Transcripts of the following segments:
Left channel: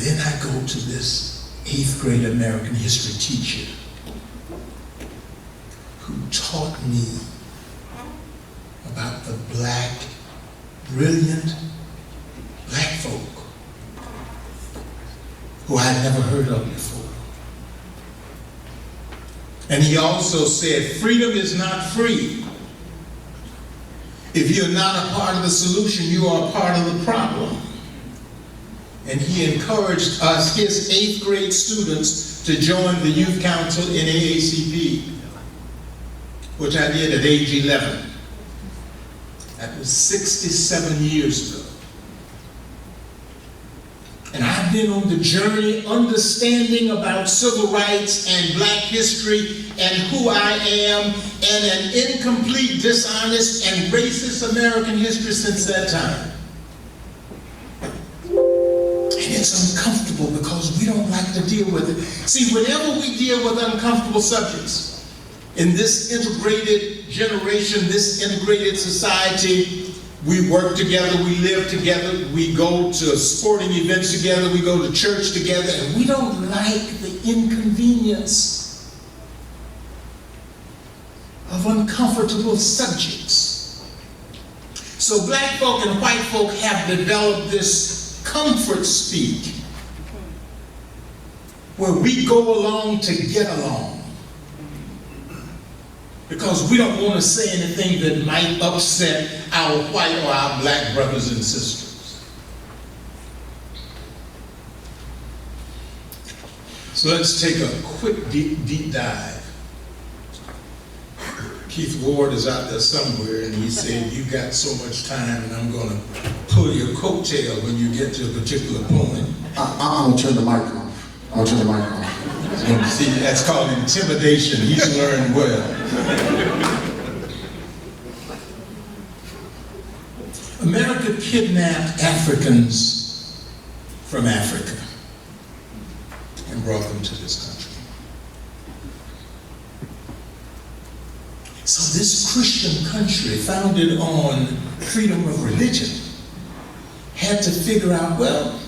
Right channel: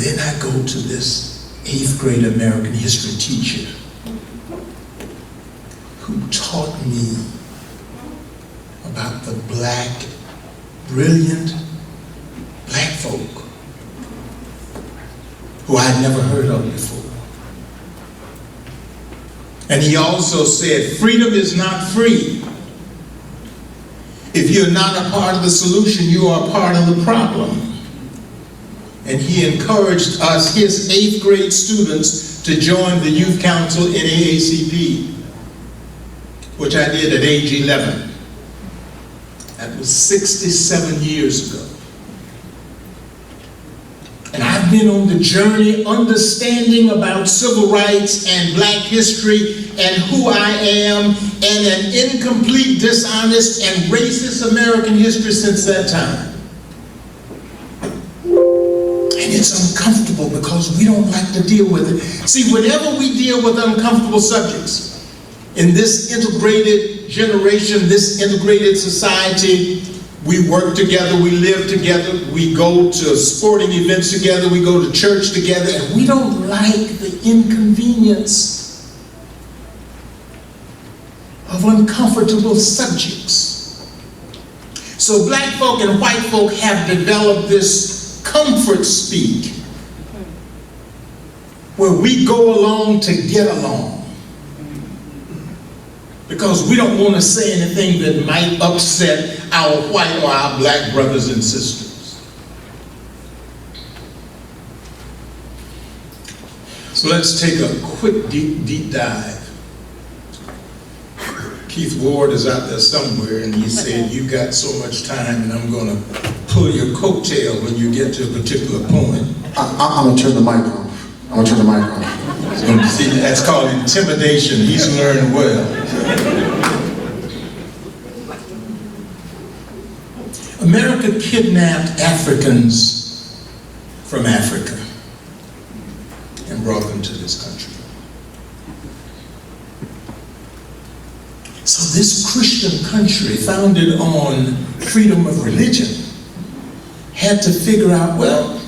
then I go to this 8th grade American history teacher who taught me about the brilliant black folk who I'd never heard of before. And he also said, freedom is not free. If you're not a part of the solution, you are a part of the problem. And he encouraged us, his 8th grade students, to join the youth council in NAACP, which I did at age 11. That was 67 years ago. And I've been on the journey understanding about civil rights and black history and who I am and an incomplete, dishonest, and racist American history since that time. And it's uncomfortable because we don't like to deal with it. See, whenever we deal with uncomfortable subjects in this integrated generation, this integrated society, we work together, we live together, we go to sporting events together, we go to church together, and we don't like the inconvenience of uncomfortable subjects. So black folk and white folk have developed this comfort speak where we go along to get along, because we don't want to say anything that might upset our white or our black brothers and sisters. So let's take a quick deep dive. Keith Ward is out there somewhere, and he said, you got so much time, and I'm going to pull your coattail when you get to a particular point. I'm going to turn the mic off. I'm going to turn the mic off. See, that's called intimidation. He's learned well. America kidnapped Africans from Africa and brought them to this country. So this Christian country, founded on freedom of religion, had to figure out, well,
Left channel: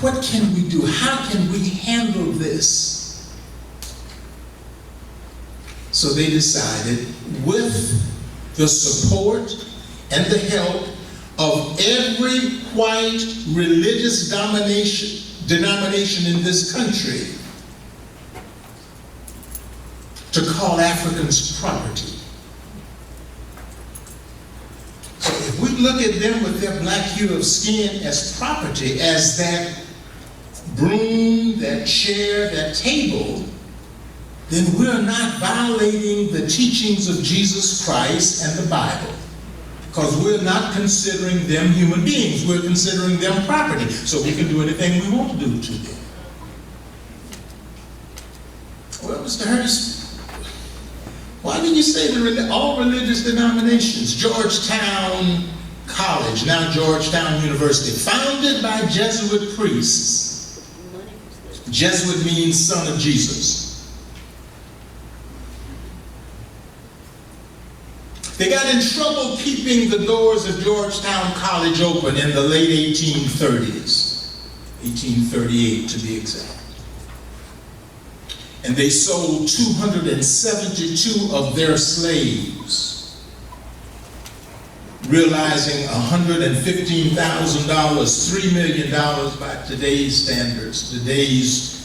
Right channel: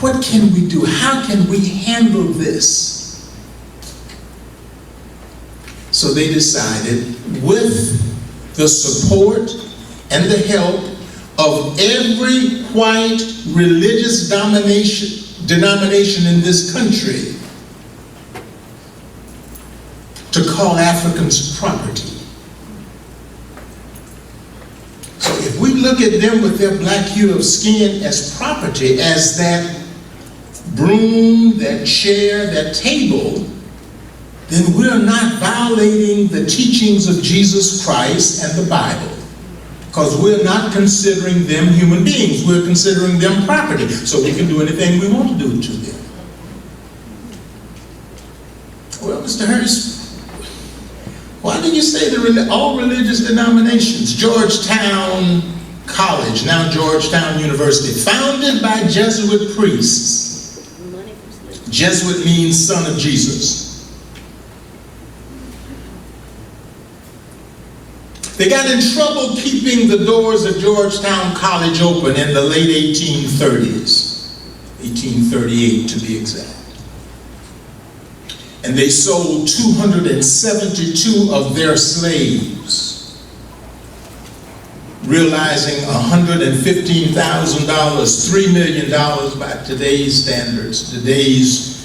what can we do? How can we handle this? So they decided, with the support and the help of every white religious denomination in this country, to call Africans property. So if we look at them with their black hue of skin as property, as that broom, that chair, that table, then we're not violating the teachings of Jesus Christ and the Bible, because we're not considering them human beings. We're considering them property, so we can do anything we want to do to them. Well, Mr. Hurst, why did you say all religious denominations? Georgetown College, now Georgetown University, founded by Jesuit priests. Jesuit means son of Jesus. They got in trouble keeping the doors of Georgetown College open in the late 1830s, 1838 to be exact. And they sold 272 of their slaves, realizing $115,000, $3 million by today's standards, today's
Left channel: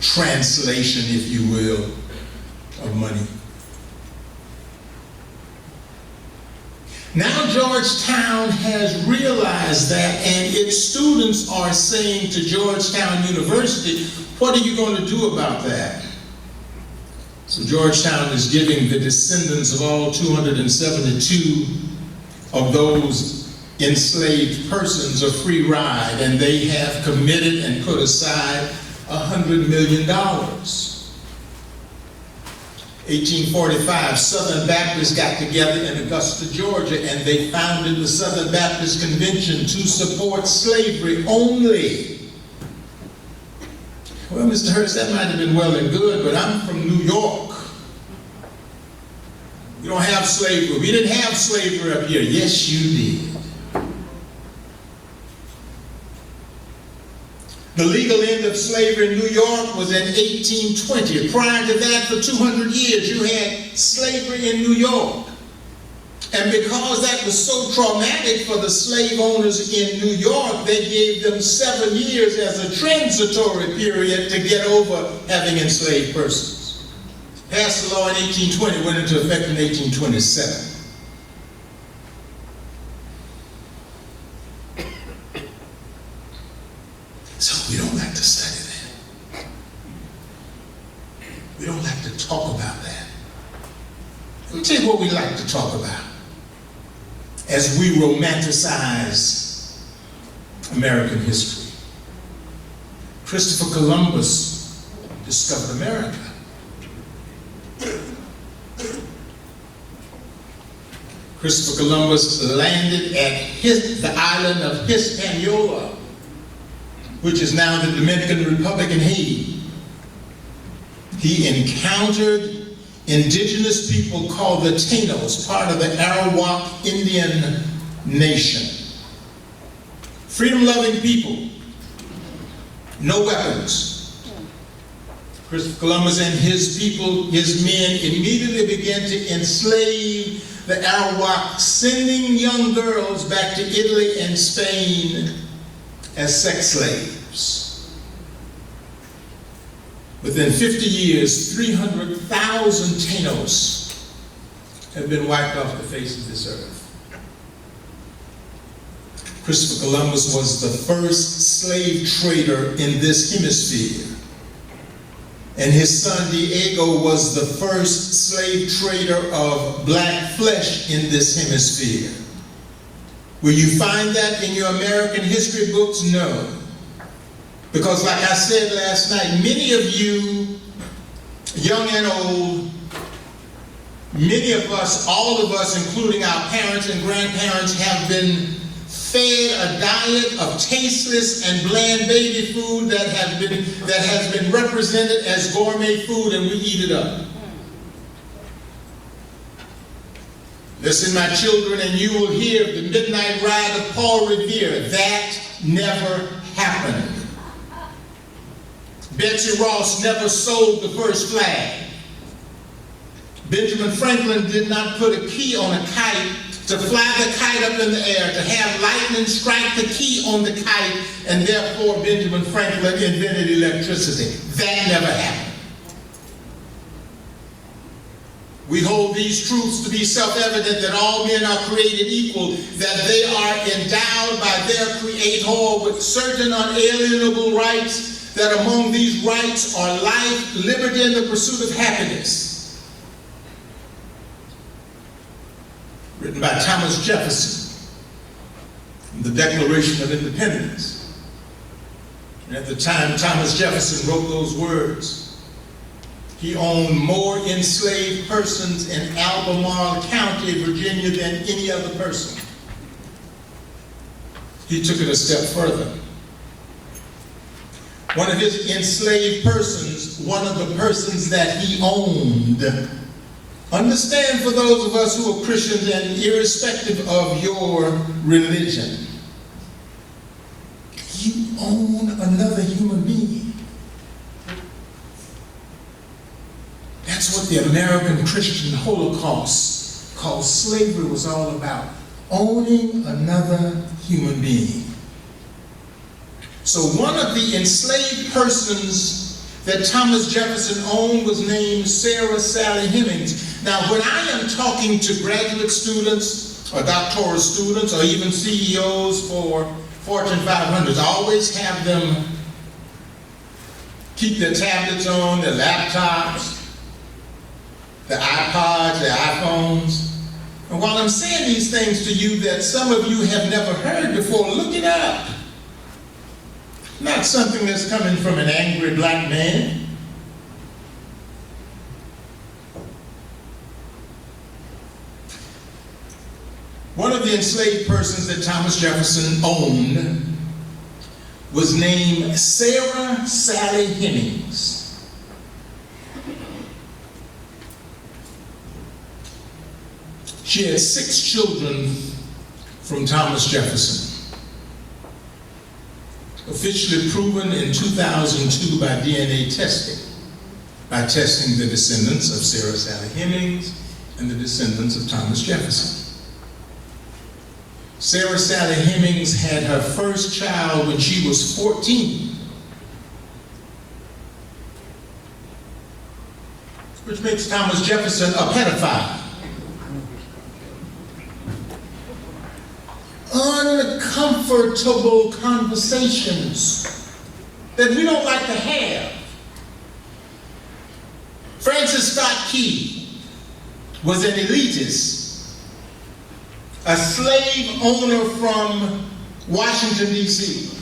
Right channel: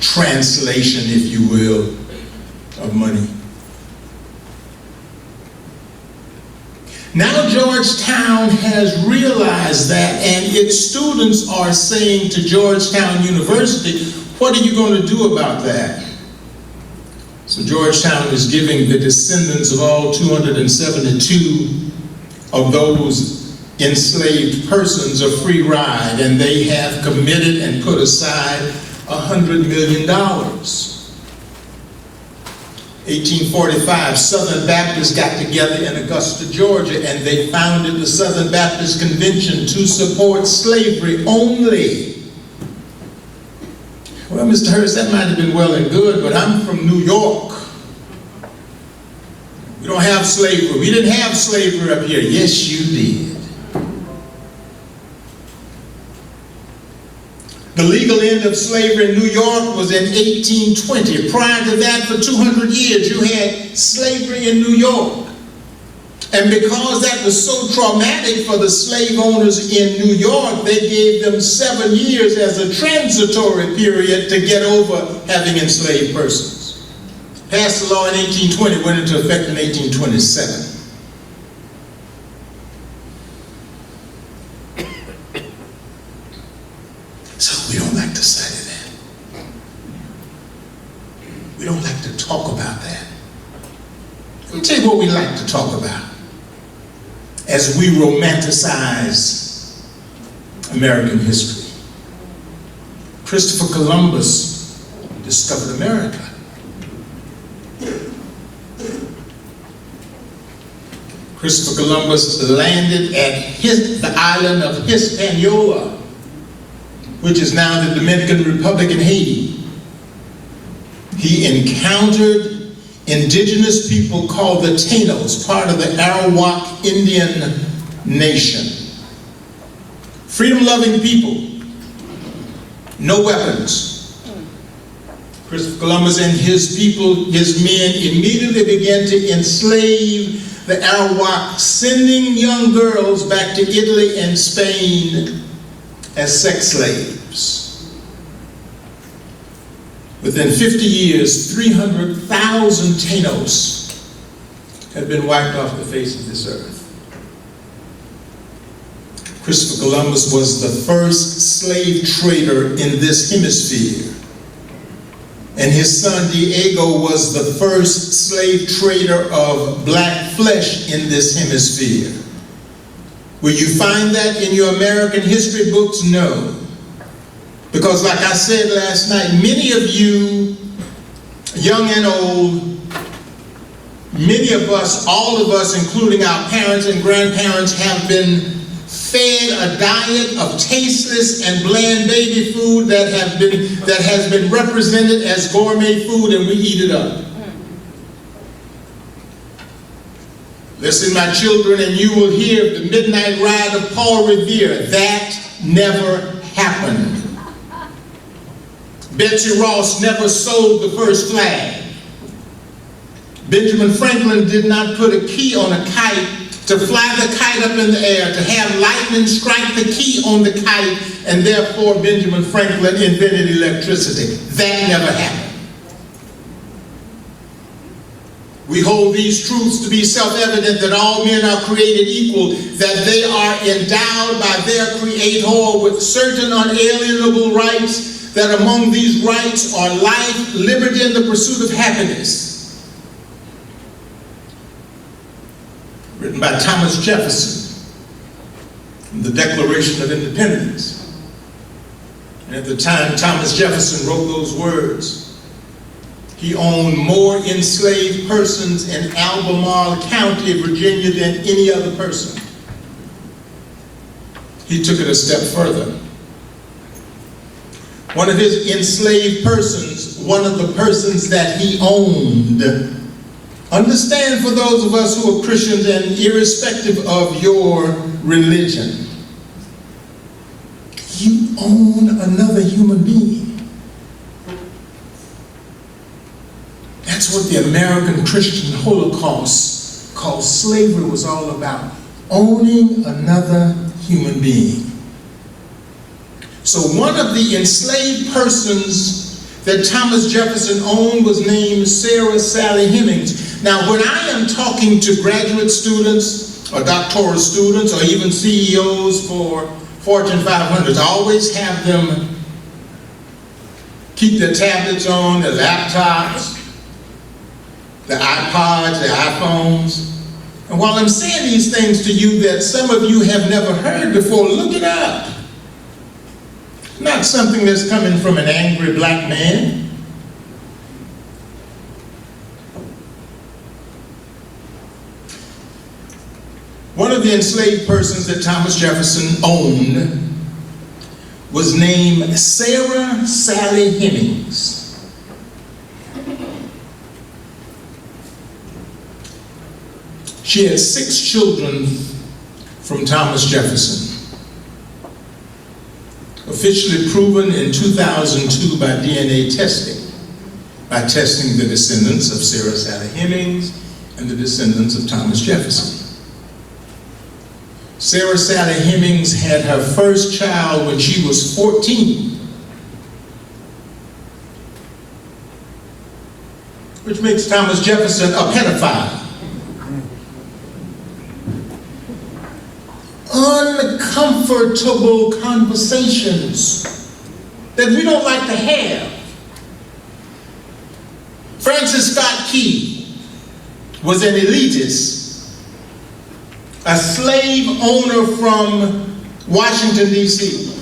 translation, if you will, of money. Now Georgetown has realized that, and its students are saying to Georgetown University, what are you going to do about that? So Georgetown is giving the descendants of all 272 of those enslaved persons a free ride, and they have committed and put aside $100 million. 1845, Southern Baptists got together in Augusta, Georgia, and they founded the Southern Baptist Convention to support slavery only. Well, Mr. Hurst, that might have been well and good, but I'm from New York. We don't have slavery. We didn't have slavery up here. Yes, you did. The legal end of slavery in New York was in 1820. Prior to that, for 200 years, you had slavery in New York. And because that was so traumatic for the slave owners in New York, they gave them 7 years as a transitory period to get over having enslaved persons. Passed the law in 1820, went into effect in 1827. So we don't like to study that. We don't like to talk about that. Let me tell you what we like to talk about as we romanticize American history. Christopher Columbus discovered America. Christopher Columbus landed at the island of Hispaniola, which is now the Dominican Republic in Haiti. He encountered indigenous people called the Taínos, part of the Arawak Indian nation. Freedom-loving people, no weapons. Christopher Columbus and his people, his men, immediately began to enslave the Arawak, sending young girls back to Italy and Spain as sex slaves. Within 50 years, 300,000 Taínos have been wiped off the face of this earth. Christopher Columbus was the first slave trader in this hemisphere. And his son Diego was the first slave trader of black flesh in this hemisphere. Will you find that in your American history books? No. Because like I said last night, many of you, young and old, many of us, all of us, including our parents and grandparents, have been fed a diet of tasteless and bland baby food that has been represented as gourmet food, and we eat it up. Listen, my children, and you will hear the midnight ride of Paul Revere. That never happened. Betsy Ross never sold the first flag. Benjamin Franklin did not put a key on a kite to fly the kite up in the air, to have lightning strike the key on the kite, and therefore Benjamin Franklin invented electricity. That never happened. We hold these truths to be self-evident, that all men are created equal, that they are endowed by their Creator with certain unalienable rights, that among these rights are life, liberty, and the pursuit of happiness. Written by Thomas Jefferson from the Declaration of Independence. And at the time Thomas Jefferson wrote those words, he owned more enslaved persons in Albemarle County, Virginia, than any other person. He took it a step further. One of his enslaved persons, one of the persons that he owned, understand, for those of us who are Christians and irrespective of your religion, you own another human being. That's what the American Christian Holocaust called slavery was all about, owning another human being. So one of the enslaved persons that Thomas Jefferson owned was named Sarah Sally Hemings. Now, when I am talking to graduate students or doctoral students or even CEOs for Fortune 500s, I always have them keep their tablets on, their laptops, their iPods, their iPhones. And while I'm saying these things to you that some of you have never heard before, look it up. Not something that's coming from an angry black man. One of the enslaved persons that Thomas Jefferson owned was named Sarah Sally Hemings. She had 6 children from Thomas Jefferson. Of officially proven in 2002 by DNA testing, by testing the descendants of Sarah Sally Hemings and the descendants of Thomas Jefferson. Sarah Sally Hemings had her first child when she was 14, which makes Thomas Jefferson a pedophile. Uncomfortable conversations that we don't like to have. Francis Scott Key was an elitist, a slave owner from Washington, D.C.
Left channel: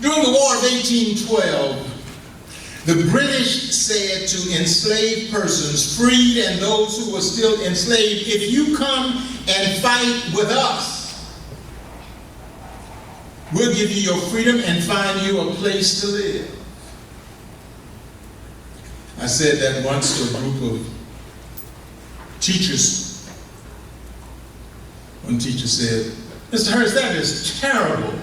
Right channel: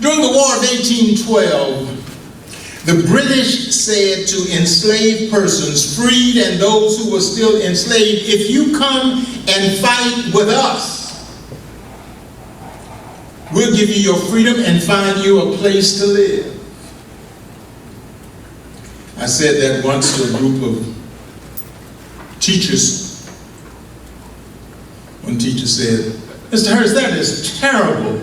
During the War of 1812, the British said to enslaved persons, freed and those who were still enslaved, if you come and fight with us, we'll give you your freedom and find you a place to live. I said that once to a group of teachers. One teacher said, Mr. Hurst, that is terrible.